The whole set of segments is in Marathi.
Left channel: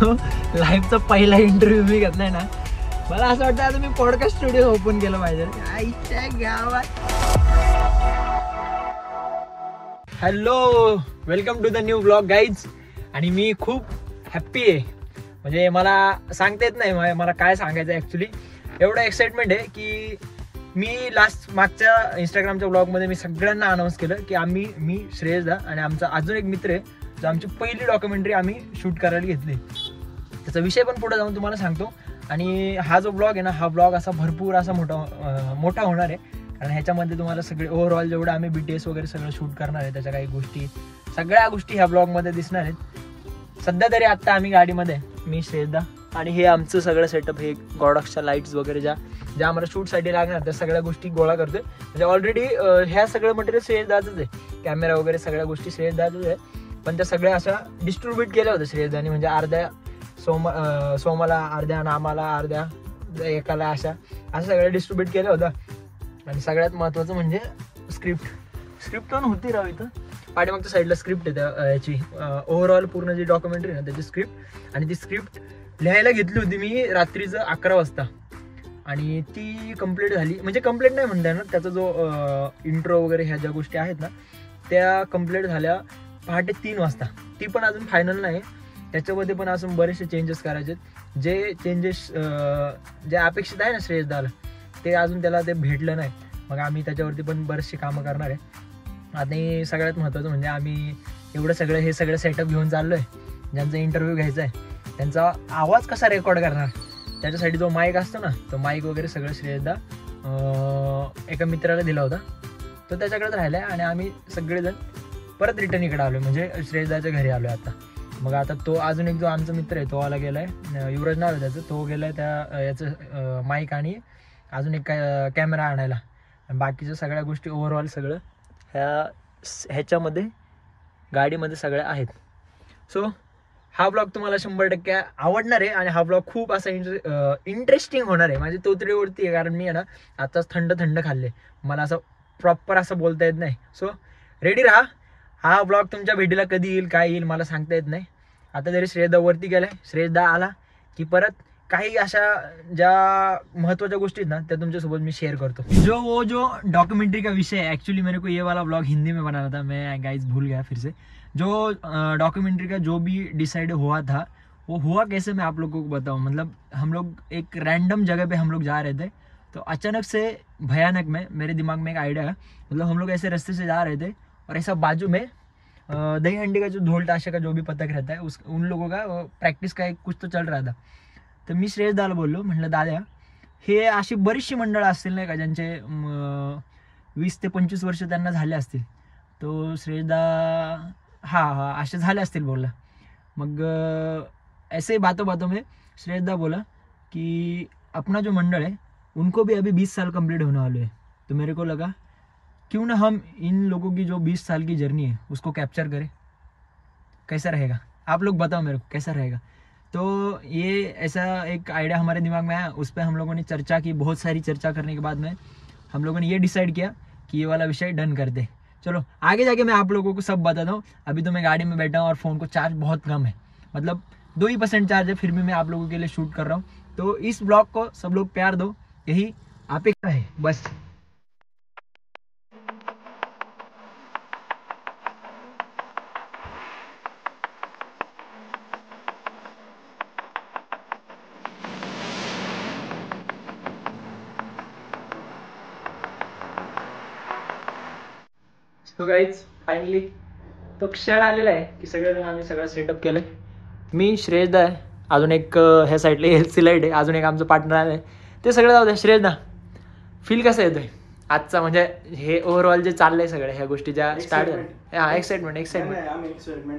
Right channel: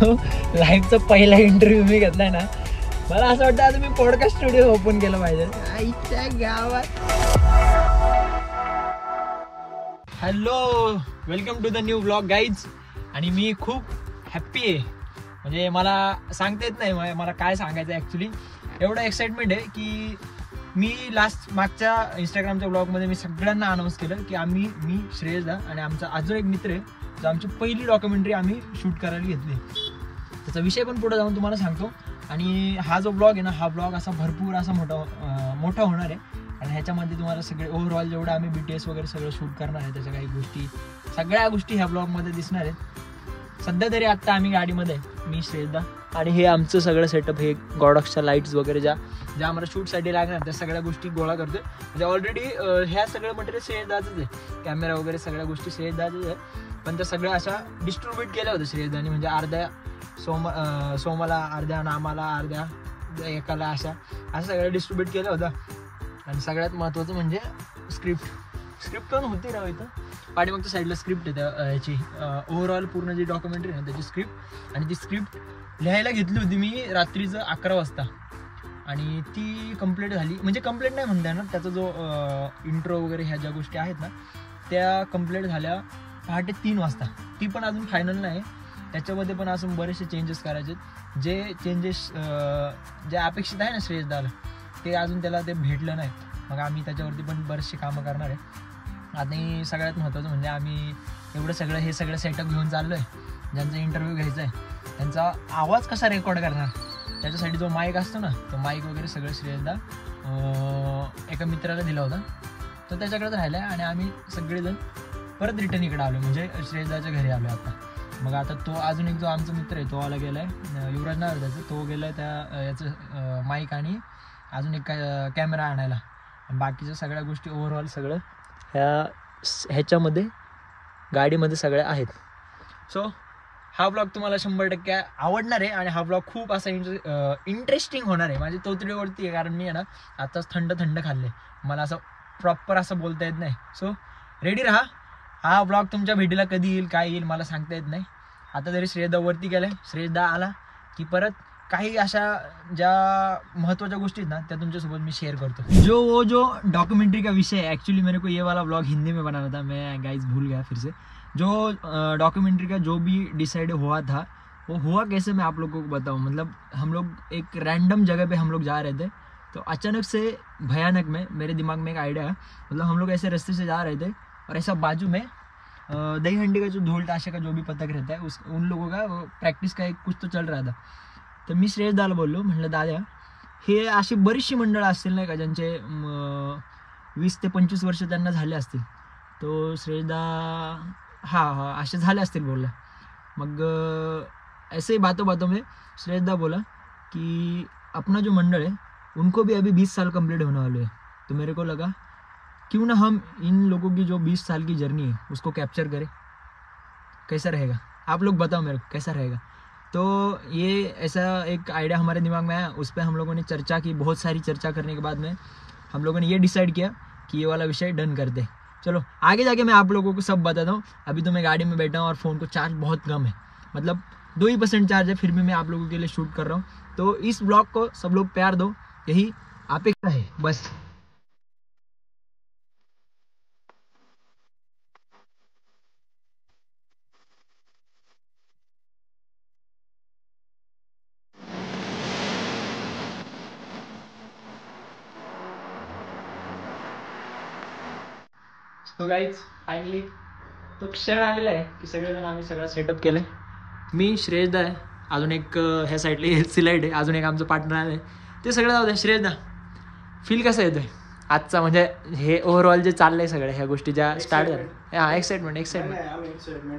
जो लाईव्हचा पहिला इंटरव्ह्यू मी घेतलाय ना, मला असं वाटतं आता मी पॉडकास्ट स्टुडिओ ओपन केलं पाहिजे आईच्या गावात. Hello, welcome to the new blog guys. आणि मी खूप हॅप्पी आहे, म्हणजे मला सांगता येत नाही मला काय सांगायचं ॲक्च्युली. एवढं एक्साइटमेंट आहे की मी मागच्या इंस्टाग्रामच्या ब्लॉगमध्ये मी सगळ्यांना अनाऊन्स केलं की मी श्रेयसदा आणि आमचा अजून एक मित्र आहे जो आमची पहिली डॉक्युमेंटरी आम्ही शूट करायला घेतली. त्याचा विषय पण पुढे जाऊन तुम्हाला सांगतो. आणि हा जो ब्लॉग आहे ना, हा ब्लॉग असा भरपूर असा मोठा होणार आहे. आणि ह्याच्यामध्ये तुम्हाला सगळे ओव्हरऑल जेवढं आम्ही BTS वगैरे सगळं शूट करणार आहे त्याच्या काही गोष्टी, सगळ्या गोष्टी ह्या ब्लॉगमध्ये दिसणार आहेत. सध्या तरी आत्ता आम्ही गाडीमध्ये, मी श्रेयसदा आणि हे आमचं सगळं सेटअप, हे गॉडॉक्सच्या लाईट्स वगैरे ज्या आम्हाला शूटसाठी लागणार त्या सगळ्या गोष्टी गोळा करतोय. म्हणजे ऑलरेडी ह्या सगळं मटेरियल श्रेयसदाचंच आहे, कॅमेरा वगैरे सगळ्या गोष्टी श्रेयसदाचंच आहे. पण त्या सगळ्या अशा डिस्ट्रीब्यूट केल्या होत्या श्रेयसदानी, म्हणजे अर्ध्या सोमाला, अर्ध्या नामाला, अर्ध्या एकाला, अशा सगळ्या डिस्ट्रीब्यूट केल्या होत्या. आणि सगळ्यात महत्त्वाचं म्हणजे स्क्रिप्ट पण होती राव इथं पाठीमागच्या साईडला स्क्रिप्ट आहे त्या याची ओव्हरऑल पूर्ण जी डॉक्युमेंटरी ना त्याची स्क्रिप्ट. आणि ती स्क्रिप्ट लिहायला घेतली होती मी रात्रीचं 11 वाजता आणि ती कंप्लीट झाली. म्हणजे कंप्लीट नाही म्हणता येणार, त्याचा जो इंट्रो वगैरे ह्या ज्या गोष्टी आहेत ना त्या कंप्लीट झाल्या पहाटे 3 वाजता. ती पण अजून फायनल नाही, त्याच्यामध्ये पण अजून बरेचसे चेंजेस करायचे. जे चेंजेस जे अपेक्षित आहे ना श्रेयसदाला ते अजून त्याला ते भेटलं नाही. मग आम्ही त्याच्यावरती पण बरेचसे कामं करणार आहे. आणि सगळ्यात महत्त्वाचं म्हणजे आम्ही हे सगळं सेटअप घेऊन चाललो आहे. ज्यांचा इंटरव्ह्यू घ्यायचा आहे त्यांचा आवाज कसा रेकॉर्ड करणार त्याच्यासाठी जो माईक असतो ना, तो माईक वगैरे सगळं श्रेयसदा एका मित्राला दिला होता, तो त्याच्याकडेच राहिला आहे. आणि आम्ही सगळेजण परत रिटर्न इकडे आलो, म्हणजे श्रेयसदाच्या घरी आलो आता. मग आता तो अजून एक जो आमचा मित्र आहे तो आला गेला आहे, युवराज नाव आहे त्याचं, तो गेला आहे त्या याचं माईक आणि अजून एक कॅमेरा आणायला. आणि बाकीच्या सगळ्या गोष्टी ओव्हरऑल सगळं ह्याच्यामध्ये गाडीमध्ये सगळ्या आहेत. सो हा ब्लॉग तुम्हाला 100% आवडणार आहे. आणि हा ब्लॉग खूप असा इंटरेस्टिंग होणार आहे. माझी तोतडीवरती आहे, कारण मी आहे ना आताच थंड खाल्ले, मला असं प्रॉपर असं बोलता येत नाही. सो रेडी राहा. हा ब्लॉग तुमच्या भेटीला कधी येईल काय येईल मला सांगता येत नाही. आता तरी श्रेयसदा वरती गेलाय, श्रेयसदा आला की परत काही अशा ज्या महत्त्वाच्या गोष्टी आहेत ना त्या तुमच्यासोबत मी शेयर करतो. जो डॉक्यूमेंट्री का विषय है, एक्चुअली मेरे को ये वाला ब्लॉग हिंदी में बनाना था, मैं गाइस भूल गया फिर से. जो डॉक्यूमेंट्री का जो भी डिसाइड हुआ था वो हुआ कैसे मैं आप लोगों को बताऊँ. मतलब हम लोग एक रैंडम जगह पे हम लोग जा रहे थे, तो अचानक से भयानक में मेरे दिमाग में एक आइडिया है. मतलब हम लोग ऐसे रास्ते से जा रहे थे और ऐसा बाजू में दही हंडी का जो ढोल ताशे का जो भी पथक रहता है उन लोगों का प्रॅक्टिस का एक कुछ तो चल रहा था. तर मी श्रेयसदाला बोललो, म्हटलं दादा हे अशी बरीचशी मंडळं असतील नाही का ज्यांचे 20 ते 25 वर्ष त्यांना झाले असतील. तो श्रेयसदा हाँ असे झाले असतील बोलला. मग ऐसे ही बातों में श्रेयसदा बोला कि अपना जो मंडल है उनको भी अभी 20 साल कंप्लीट होने वाले हैं. तो मेरे को लगा क्यों ना हम इन लोगों की जो 20 साल की जर्नी है उसको कैप्चर करें. कैसा रहेगा आप लोग बताओ मेरे को, कैसा रहेगा. तो ये ऐसा एक आइडिया हमारे दिमाग में आया. उस पर हम लोगों ने चर्चा की, बहुत सारी चर्चा करने के बाद में हम लोगों ने ये डिसाइड किया कि ये वाला विषय डन कर दे. चलो आगे जाके मैं आप लोगों को सब बताता हूँ. अभी तो मैं गाड़ी में बैठा हूँ और फ़ोन को चार्ज बहुत कम है, मतलब 2% चार्ज है, फिर भी मैं आप लोगों के लिए शूट कर रहा हूँ. तो इस ब्लॉग को सब लोग प्यार दो, यही अपेक्षा है बस. तो गाईज फायनली तो क्षण आलेला आहे की सगळेजण आम्ही सगळं सेटअप केलं. मी श्रेयसदा आहे, अजून एक ह्या साईडला एलसी लाईट आहे, अजून एक आमचं पार्टनर आलं आहे. ते सगळं जाऊ द्या. श्रेयसदा फील कसं येतं आजचा, म्हणजे हे ओव्हरऑल जे चाललंय सगळ्या ह्या गोष्टी ज्या स्टार्ट आहे. हां एक्साइटमेंट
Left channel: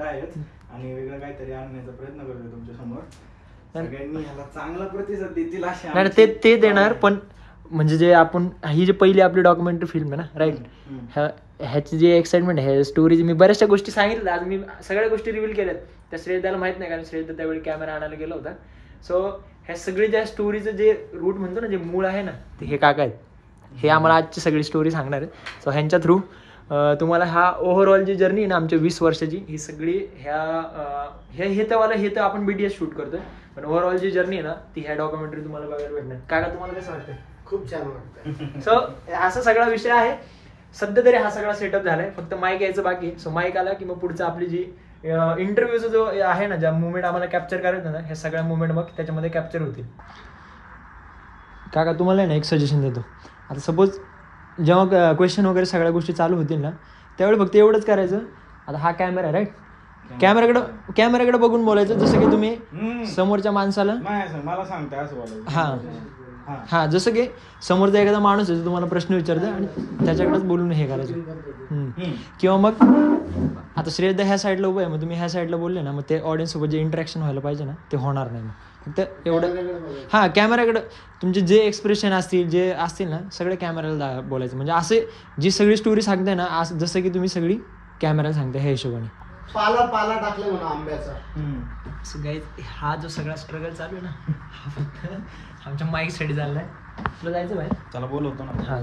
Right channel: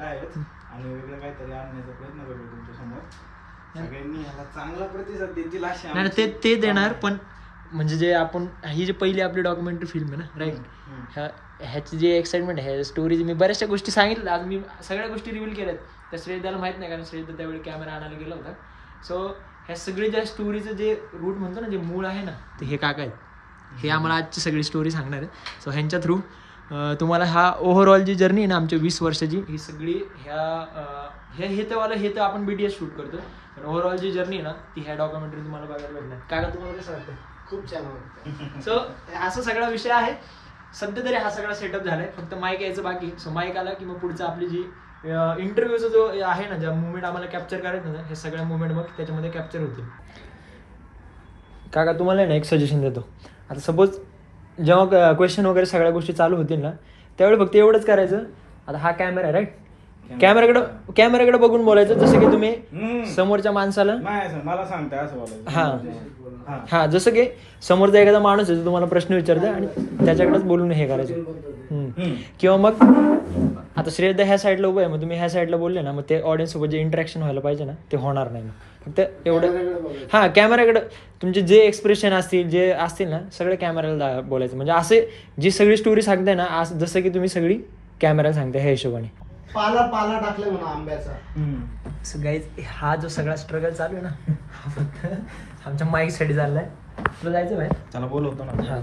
आहे आणि वेगळं काहीतरी आणण्याचा प्रयत्न करतो तुमच्या समोर. सगळ्यांनी ह्याला चांगला प्रतिसाद देतील अशा नाही ते देणार. पण म्हणजे जे आपण ही जी पहिली आपली डॉक्युमेंटरी फिल्म आहे ना, राईट, ह्याची जी एक्साइटमेंट आहे स्टोरीज, मी बऱ्याचशा गोष्टी सांगितल्या, आज मी सगळ्या गोष्टी रिव्हील केल्यात. त्या श्रेयसदाला माहीत नाही कारण श्रेयसदा त्यावेळी कॅमेरा आणायला गेला होता. सो ह्या सगळी ज्या स्टोरीचं जे रूट म्हणतो ना, जे मूळ आहे ना, ते हे काका आहेत. हे आम्हाला आजची सगळी स्टोरी सांगणार आहे. सो ह्यांच्या थ्रू तुम्हाला हा ओव्हरऑल जी जर्नी आहे ना आमच्या 20 वर्षाची ही सगळी हे तर आपण BTS शूट करतोय, पण ओव्हरऑल जी जर्नी आहे ना ती ह्या डॉक्युमेंटरी तुम्हाला बघायला भेटणार. काय का तुम्हाला कसं वाटतं? खूप छान वाटतं. सो असा सगळा विषय आहे. सध्या तरी हा सगळा सेटअप झालाय, फक्त माईक यायचं बाकी. सो माईक आला की मग पुढचं आपली जी इंटरव्ह्यूचा जो आहे ना, ज्या मुवमेंट आम्हाला कॅप्चर करायचं ना, ह्या सगळ्या मुवमेंट मग त्याच्यामध्ये कॅप्चर होतील. काका तुम्हाला ना एक सजेशन देतो. आता सपोज जेव्हा क्वेश्चन वगैरे सगळ्या गोष्टी चालू होतील ना, त्यावेळी फक्त एवढंच करायचं. आता हा कॅमेरा आहे राईट, कॅमेराकडे बघून बोलायचं, जसं की तुम्ही समोरच्या माणसाला मला सांगता असं बोलायचं. हा जसं की समोरचा एखादा माणूस आहे तुम्हाला प्रश्न विचारता आणि त्याच्याकडेच बोलून हे करायचं. किंवा मग आता श्रेयदा ह्या साईडला उभं आहे, मग तुम्ही ह्या साईडला बोलले ना, मग ते ऑडियन्स सोबत जे इंटरॅक्शन व्हायला पाहिजे ना ते होणार नाही. मग फक्त एवढं कॅमेराकडे तुमचे जे एक्सप्रेशन असतील जे असतील ना सगळे कॅमेराला बोलायचं. म्हणजे असे जी सगळी स्टोरी सांगताय ना जसं की तुम्ही सगळी कॅमेरा सांगताय ह्या हिशोबाने. पाला टाकले म्हणा आंब्याचा. सो गाईज हा जो सगळा स्ट्रगल चालू आहे ना हा फक्त आमच्या माईकसाठी चाललाय. तुला जायचं बाहेर? त्याला बोलवतो ना.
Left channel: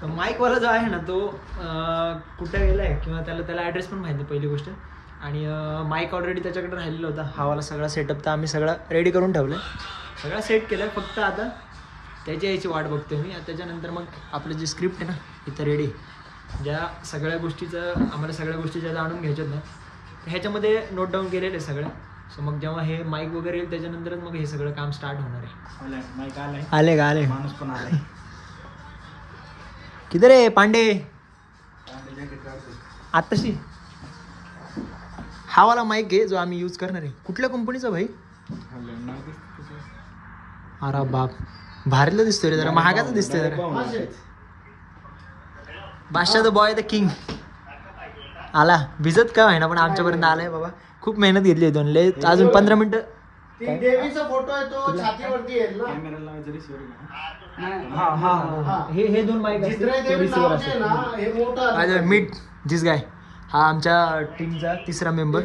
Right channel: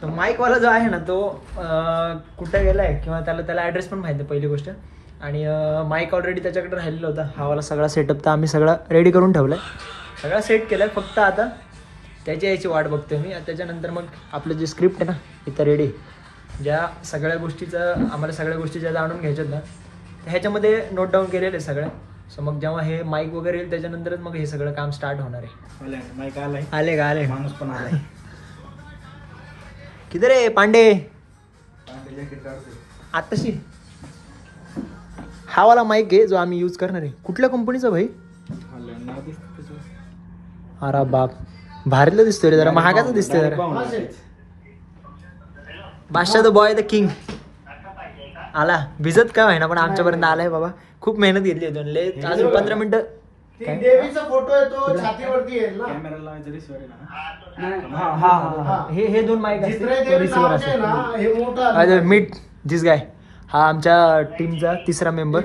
सो माईकवाला जो आहे ना तो कुठं गेलाय किंवा त्याला ॲड्रेस पण माहिती आहे पहिली गोष्ट. आणि माईक ऑलरेडी त्याच्याकडे राहिलेला होता. हावाला सगळा सेटअप तर आम्ही सगळा रेडी करून ठेवलाय, सगळा सेट केलाय. फक्त आता त्याची यायची वाट बघतोय मी. त्याच्यानंतर मग आपलं जे स्क्रिप्ट आहे ना इथं रेडी, ज्या सगळ्या गोष्टीचं आम्हाला सगळ्या गोष्टी ज्या जाणून घ्यायच्यात ना ह्याच्यामध्ये नोट डाऊन केलेले सगळं. सो मग जेव्हा हे माईक वगैरे येईल त्याच्यानंतरच मग हे सगळं काम स्टार्ट होणार आहे. माईक आलाय, आले माणूस पण आलाय. किती रे पांडे? आत्ताशी हा वाला माईक आहे जो आम्ही यूज करणार आहे. कुठल्या कंपनीचा भाई? अरे बाप भारीला दिसतोय रे, जरा महागाचा दिसतोय जरा. बादशाह द बॉय द किंग आला, भिजत काय आहे ना पण आमच्यापर्यंत आलाय बाबा. खूप मेहनत घेतली दोन लय. अजून 15 मिनिटं. देवीचा फोटो आहे तो छातीवरती येईल ना. हे दोन माईक मीट दिस गाय. हा आमच्या टीमचा तिसरा मेंबर.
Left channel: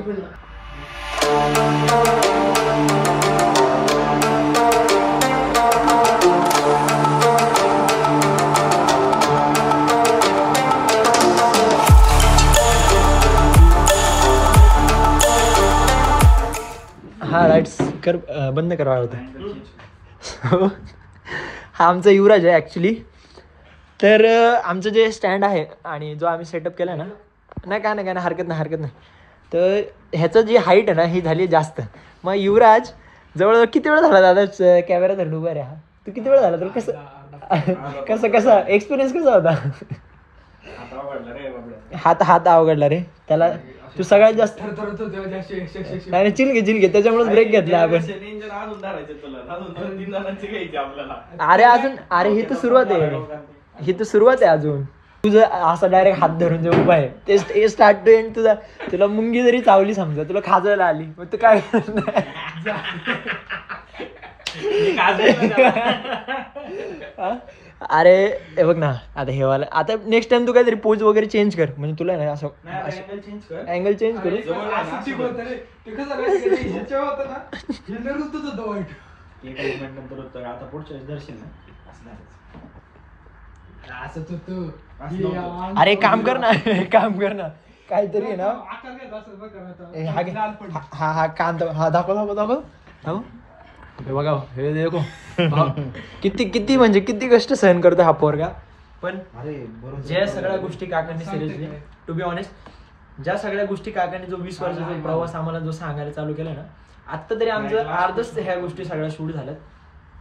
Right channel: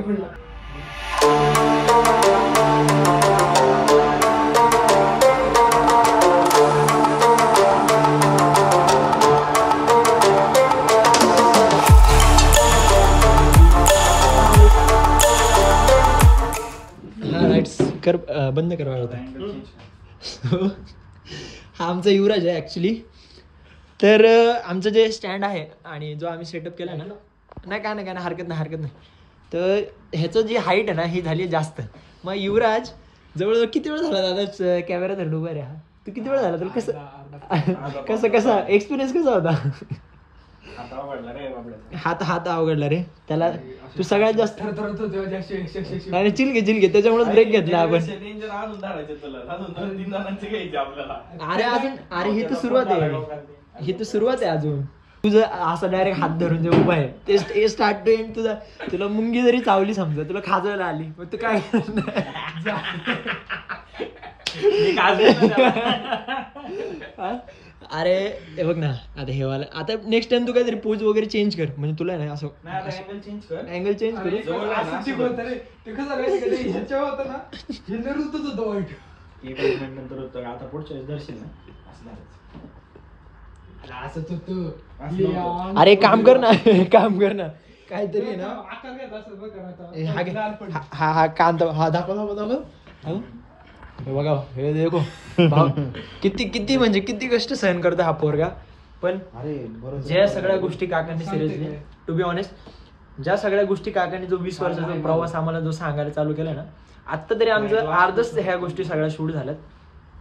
हा लाईट्स कर बंद करावा होता. हा आमचा युवराज आहे ॲक्च्युली. तर आमचं जे स्टँड आहे आणि जो आम्ही सेटअप केला ना, नाही काय नाही हरकत नाही. तर ह्याचं जी हाईट आहे ना ही झाली जास्त. मग युवराज जवळजवळ किती वेळ झाला दादा कॅमेरा धरून उभा रे? हा तू किती वेळ झाला तुला? कसं एक्सपिरियन्स कसा होता? हात अवघडला रे त्याला. तू सगळ्यात जास्त नाही चिल घे त्याच्यामुळेच ब्रेक घेतला आपण. अरे ही तर सुरुवात आहे अजून. तुझं असं डायरेक्ट हात धरून जे उभा आहे ते स्टार्ट टू एंड तुला मुंगी जरी चावली समजा तुला खाजवायला आली मग तू काय अरे हे बघ ना आता हे वाला. आता नेक्स्ट टाइम तू काहीतरी पोज वगैरे चेंज कर म्हणजे तुला ना असं अँगल चेंज करू. अरे काम कर ना काहीतरी ना. हा काम हा दाखव बघा हे देखो किती म्हणजे किती कष्ट सहन करतो हा पोरगा. पण ज्या सगळ्या गोष्टी काकांनी सिरियसली टू बी ऑनेस्ट ज्या सगळ्या गोष्टी काकांनी जो 20 वर्षाचा प्रवास आम्हाला जो सांगायला चालू केला ना आत्ता तरी आमचं अर्धच ह्या गोष्टी सगळ्या शूट झाल्यात.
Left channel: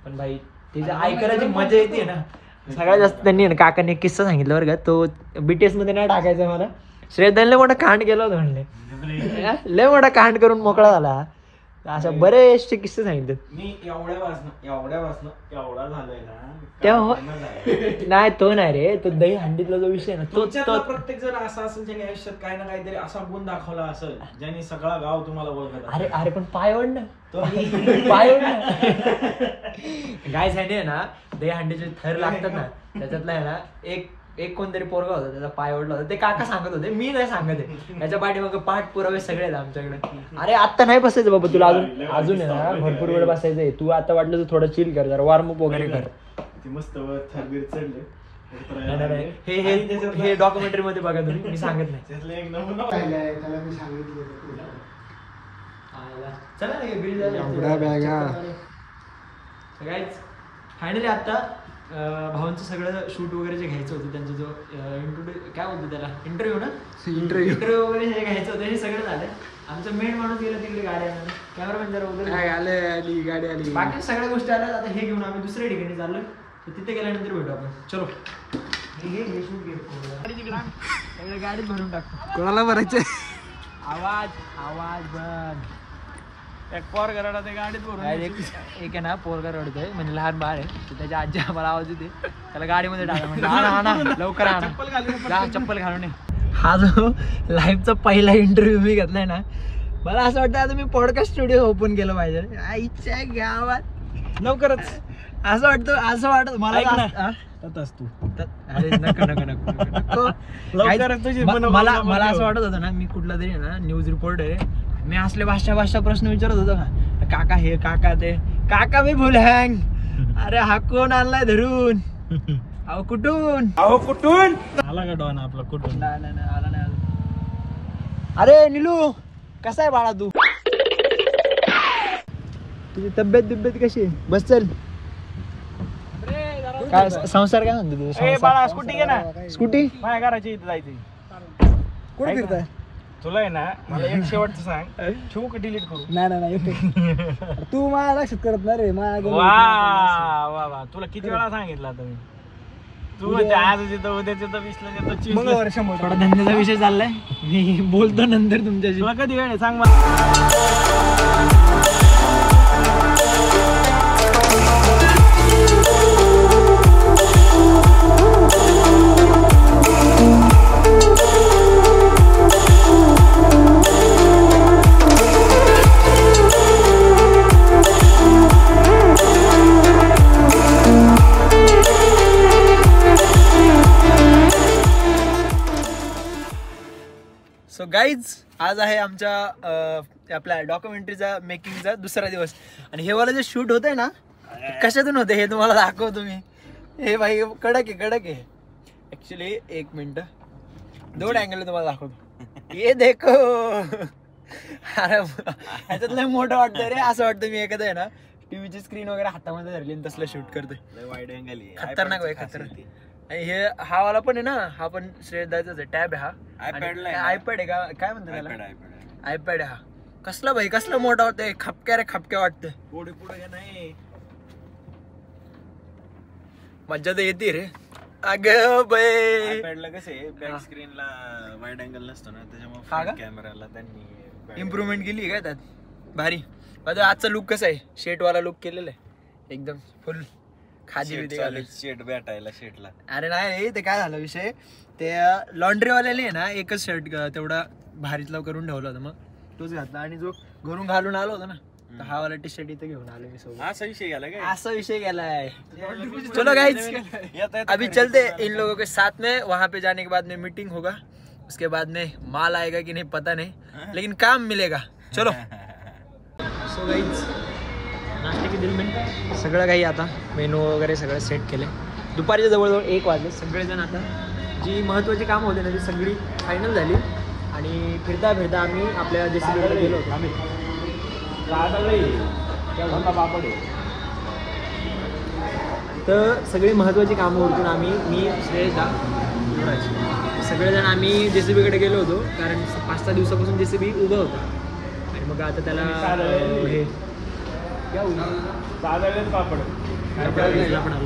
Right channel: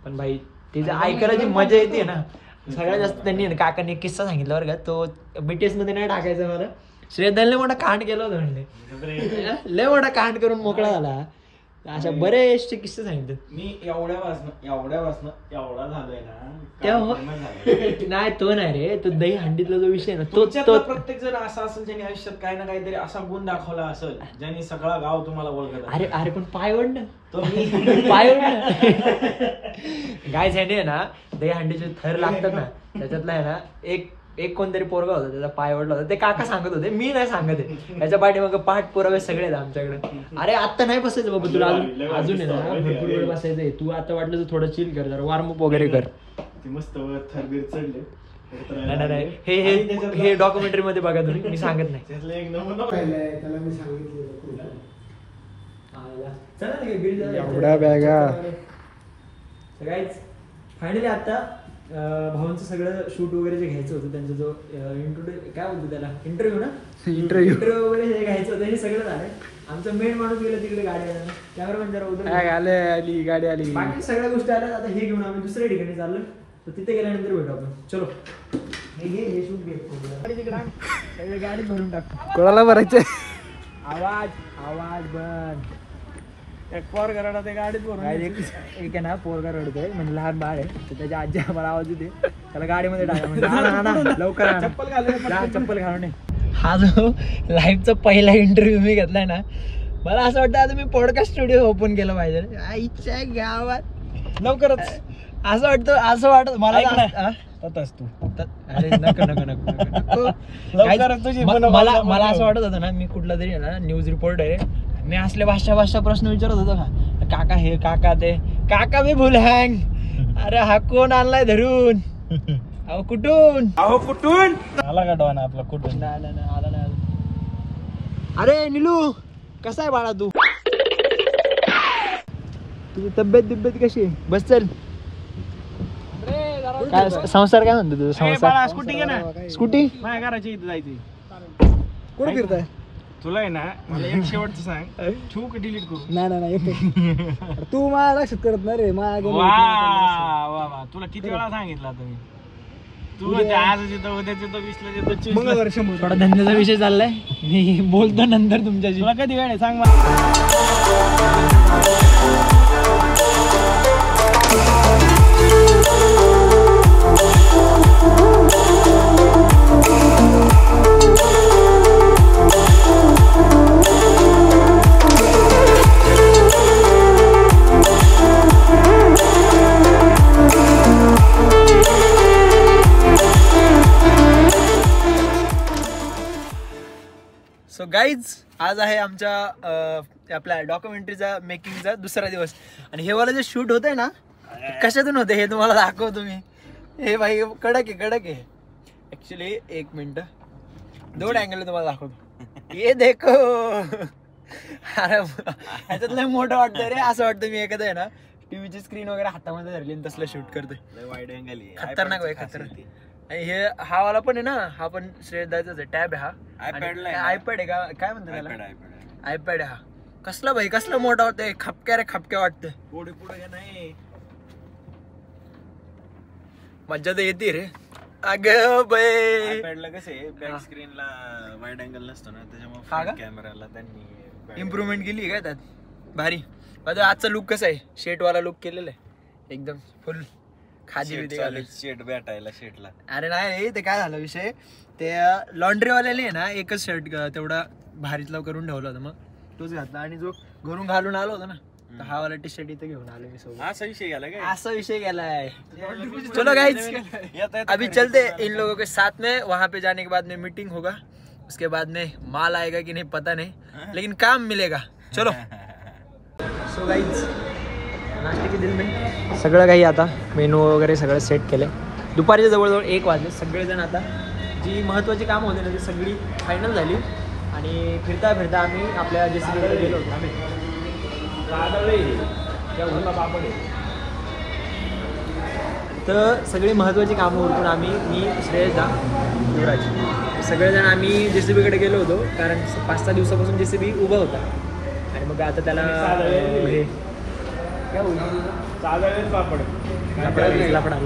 पण भाई ते जे ऐकायला जी मजा येते ना सगळ्यात जास्त त्यांनी ना काकांनी एक किस्सा सांगितलं बरं का. तो BTS मध्ये नाही टाकायचा मला. श्रेयदाने लय मोठा कांड केला होता म्हणले. लय मोठा कांड करून मोकळा झाला. अशा बरेचसे किस्से सांगितले. मी एवढ्या वाजन एवढा झालोय ना तेव्हा नाही तो नाही रे तो दही हंडीतला जो विषय ना तो प्रत्येक जण असा असेल ज्याने आयुष्यात काही ना काहीतरी असा गुण दाखवला असेल ज्याने सगळा गाव तुम्हाला ओळखत. अरे पण पायवड ना गाय ह्याने ना दही हंडीचे थर लागतात ना त्याच्यातला आहे ना एक कोणतरी पोरगा होता त्याचा पाय ओढला होता. ते काका सांगत होते मी नाही सांगत आहे. त्याच्या पाठी मग पाठ पुरावे सगळे आहेत आमच्याकडे. अरे आत्ता नाही बसायचं बाबा तुला अजून आहे ना भरपूर वेळ बसायचंय. तू आता वाटलं तर थोडं चिल कर जरा वॉर्मअप वगैरे कर. मस्त थरबीर चढले नाही हे हे हे डॉक्युमेंटरी मध्ये बघा तुम्ही, मी सांगत नाही. त्याला मी सांगितलं एवढ्या बॅगा फायनली आता भाऊंचं सगळं शूट वगैरे जे घ्यायचं होतं, त्यांचा जो इंटरव्ह्यू काय बोलतो त्याला, इंटरव्ह्यू ना, इंटरव्ह्यू वगैरे जे घ्यायचं होतं हे सगळं झालंय. आमचं मेन माणूस गेलं तिकडे गाडी आणून, कॅमेरामॅन जरा वगैरे आली, गाडी आली, बाकी सगळ्या गोष्टी आल्या. आता हे घेऊन आम्ही दुसऱ्या ठिकाणी चाललोय, तर तिथे गेल्यानंतर भेटू आपण. चलो हे शूट घे, गाडीत भरून टाकतो. कोणाला भरायचं? आवाज बंद. एक पोर घराला ते गाडीत भरून एक आहे ना, पोरगा रडतोय म्हणजे लहान बाळ आहे, तर त्याच्या आजी आम्हाला आवाज देते, त्याला गाडीमध्ये टाका म्हणजे लवकर चप्पल घालून. हा जो लाईव्हचा पहिला इंटरव्ह्यू मी घेतलाय ना, मला असं वाटतं आता मी पॉडकास्ट स्टुडिओ ओपन केलं पाहिजे आईच्या गावात लवकरच. असं वाटत मला तू. अरे नको मला असं वाटत होतं ना, मी कुठला तरी ना न्यूज रिपोर्टर आहे, मी असले भाषा प्रश्न विचारत होतो का, काका हे काका ते, काका मी भूल हँग, अरे हा कोण आणलाय धरून, अहो कुठून आला का डॉन आपला कुठून? नाही आला नाही. अरे निलू कसा आहे बाळा, तू तुझी तब्येत कशी आहे? बस चल. काय संसार काय म्हणतो तुझं? संसार स्कूटी घे ना, स्कूटी माझ्या घराची इथं जायची. कुठे फिरताय? तुला आहे ना, मला एक शेवटचं सांग, ठेवू का डिलीट करू? नाही येते तू मला लक्षात करत नाही रे, वा तुला किती वेळा सांगितलं आता मी, तू आज येतो उद्याच येतो 20 ला येतो. थोडा धंद्याचा विषय चाललाय, मी बोलतो नंतर तुमच्याशी. तुला कधी वेळ सांग मला. सो गाईज, आज आहे आमच्या आपल्या डॉक्युमेंटरीचा मेकिंगचा दुसरा दिवस, आणि हे वाला जे शूट होत आहे ना, कशातून होते हे तुम्हाला दाखवतो मी. हे भाई कडक आहे ऍक्च्युली. एक मिनिट, दोन अँगल तुम्हाला दाखवतो. ये देखो, अरे ह्याच्यात लय मोठं वाटतंय रे, असं वाटतं मी एखादं आहे ना टीव्हीची स्क्रीन वगैरे हातामध्ये धरली आणि तसलं शूट करतोय. वाईड अँगल खतरनाक भाई, खतरनाक. आणि हे हा वाला पण आहे ना, हा पण श्रेय द्यायचाच आहे. टॅब आहे हा, आयपॅड आहे का काय म्हणतात त्याला, आयपॅड आहे हा. कसला भाई, कसला मोठा होतोय, खपक्या वाटतंय. पुढे नाही, मज्जा तर येते रे. अगं बाई, आयपॅडला कसे बॅक स्क्रीनला वाईड अँगल नसतो ना, त्याच्यामुळे कॅमेराला त्यांनी इम्प्रूव्हमेंट केली काय त्यात, भारी. आजचा लुक कसा आहे, शेट वाला लुक केलेला आहे एकदम फुल खादी शेट भेटायला शेटला. अरे नाही, ते काय झालं विषय, ते लॉन्ड्रीवाल्याने आहे ना एकच शर्ट तेवढा भारीतला करून ठेवला होता, मग तोच घातला. आणि जो घरून घालून आलो होता ना, तर हा वाला टी शर्ट इथे घेऊन आलो मी सोबत. असा विषय गेलाय. चलो गाइस, अभी चलते इन लोगों के साथ में. वहां पे जाने के बाद में मीटिंग होगा, उसके बाद में माल आएगा कि नहीं पता नहीं, लेकिन काम मिलेगा. चलो. सो गाइस, नाश्ते के दिल में सगळं काही आता मेनू वगैरे सगळं सेट केलंय. दुपारच्या जवळजवळ 1 वाजले. सगळेजण आता जी महत्त्वाची कामं होते ना ती सगळी फायनल झाली, आणि फिरता आम्ही आपल्या जेसीबीकडे गेलो होतो. आम्ही तर सगळी महत्त्वाची कामं उरकून आम्ही, मी श्रेयस दा, युवराज, सगळेजण आम्ही जेसीबीकडे गेलो होतो, कारण 5-6 दिवसापासून जेसीबी उभा होता. आणि मग आता त्याला हे क्या होईल, लफडा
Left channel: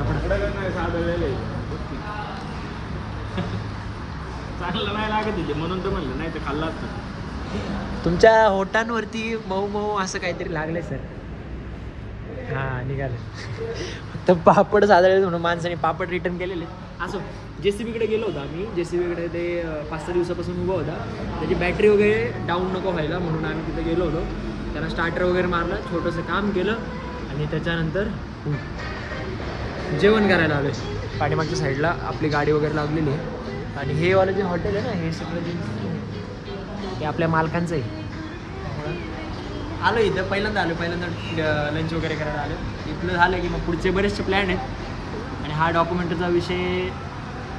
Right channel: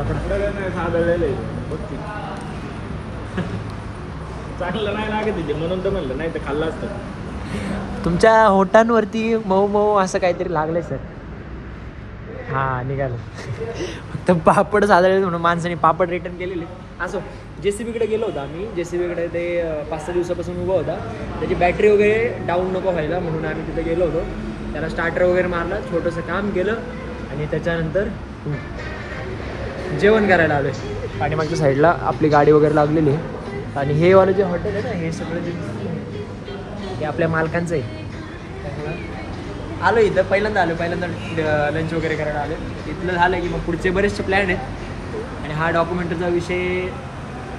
चांगलं नाही लागत म्हणून तर म्हणलं, नाही तर खाल्लं असतं. तुमच्या होटांवरती मऊ असं काहीतरी लागलंय सर. हा निघालं. फक्त पापड साधले म्हणून माणसाने पापड रिटर्न केलेले. असं जेसीबीकडे गेलो होतो आम्ही. जेसीबीकडे ते 5-6 दिवसापासून उभा होता, त्याची बॅटरी वगैरे डाऊन नको व्हायला म्हणून आम्ही तिथे गेलो होतो. त्याला स्टार्टर वगैरे मारलं, छोटंसं काम केलं, आणि त्याच्यानंतर जेवण करायला आलोय. पाठीमागच्या साईडला आपली गाडी वगैरे लागलेली आहे. आणि हे वालं जे हॉटेल आहे ना, हे सगळं जे हे आपल्या मालकांचं आहे. त्यामुळं आलो इथं, पहिल्यांदा लंच वगैरे करायला आलो. इथलं झालं की मग पुढचे बरेचसे प्लॅन आहेत. आणि हा डॉक्युमेंटरीचा विषय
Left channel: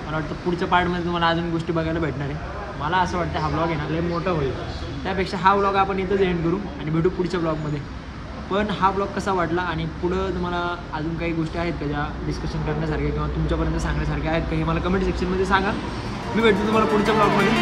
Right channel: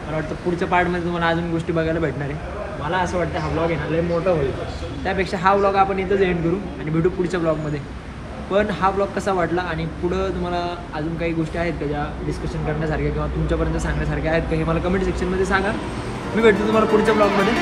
मला वाटतं पुढच्या पार्टमध्ये तुम्हाला अजून गोष्टी बघायला भेटणार आहे. मला असं वाटतं हा ब्लॉग आहे ना लय मोठा होईल, त्यापेक्षा हा ब्लॉग आपण इथंच एंड करू आणि भेटू पुढच्या ब्लॉगमध्ये. पण हा ब्लॉग कसा वाटला आणि पुढं तुम्हाला अजून काही गोष्टी आहेत का ज्या डिस्कशन करण्यासारख्या किंवा तुमच्यापर्यंत सांगण्यासारख्या आहेत का हे मला कमेंट सेक्शनमध्ये सांगा. मी भेटतो तुम्हाला पुढच्या ब्लॉगमध्ये.